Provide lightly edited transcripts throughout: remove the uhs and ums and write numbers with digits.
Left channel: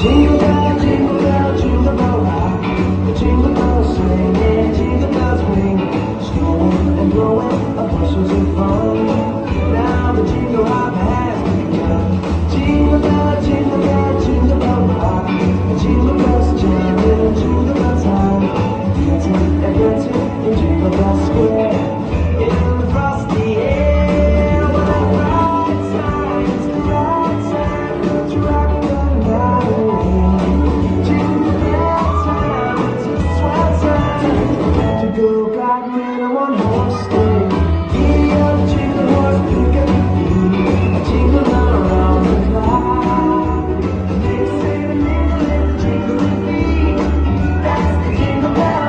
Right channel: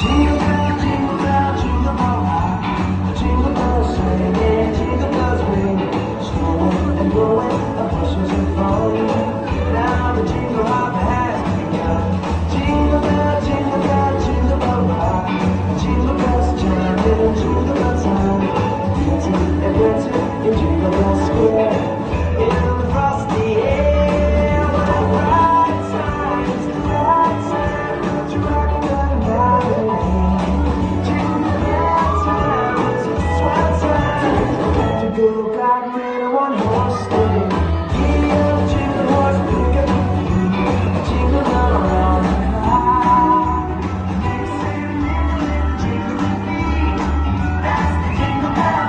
Jingle bell, jingle bell, jingle bell rock. The jingle bells swing and jingle bells ring. Strolling and blowing, the bushes are fun. Now the jingle hop has begun. Jingle bell, jingle bell, jingle bell rock. The jingle bells chime in jingle bell time. Dancing and dancing in Jingle Bell Square. In the frosty air, the right side's the right side. Don't you rock that body? Jingle bell time, it's right side. To go riding in a one-horse sleigh. Giddy up, jingle horse, pick up your feet. Jingle around the clock. Makes it a little jingle beat. That's the jingle bell.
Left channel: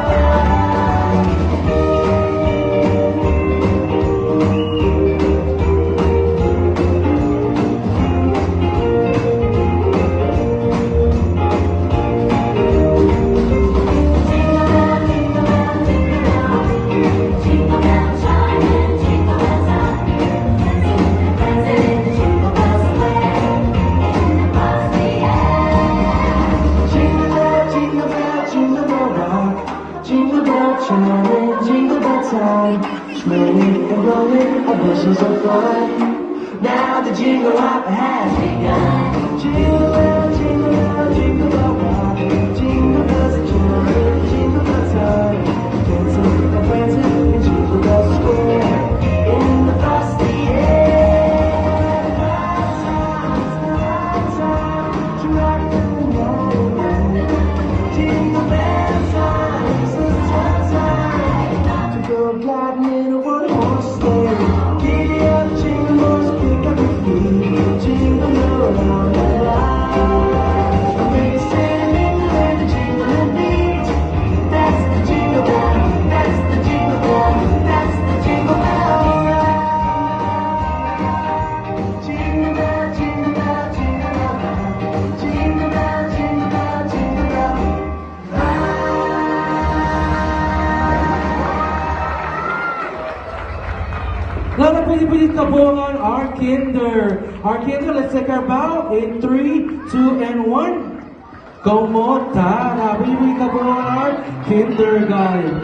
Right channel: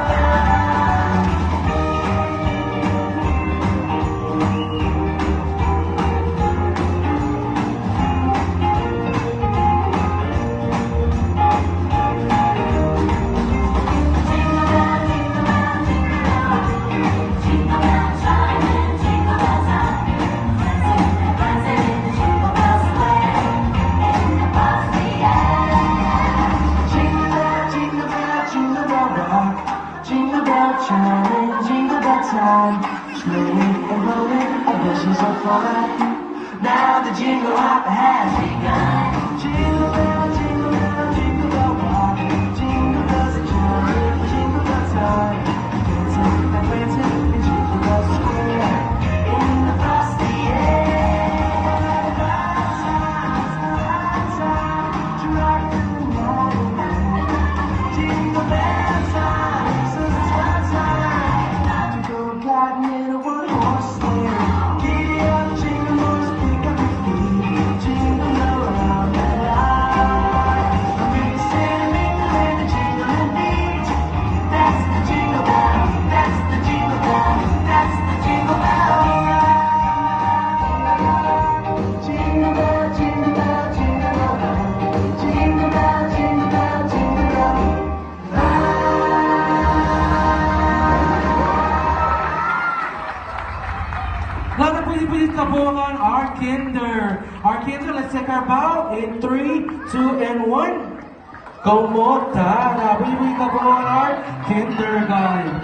Jingle bell chime, jingle bell time. Swinging and blowing, the bushes are flying. Now the jingle hop has begun. Jingle bell, jingle bell, jingle bell rock. Jingle bells chime, jingle bell time. Dancing and prancing in Jingle Bell Square. In the frosty air, right side, to rock and roll. Jingle bell time. Riding in a one-horse sleigh. Giddy up, jingle horse, pick up your feet. Jingle around the line. When you stand in the lane, the jingle beat. That's the jingle bell, that's the jingle bell, that's the jingle bell. Jingle bell, jingle bell, jingle bell. Jingle bell, jingle bell, jingle bell. Mga Pilipilit Tabungan, our kinder. Our kinder, let's take our bow in 3, 2, and 1. Komota, Pilipilit Tabungan, our kinder, guys.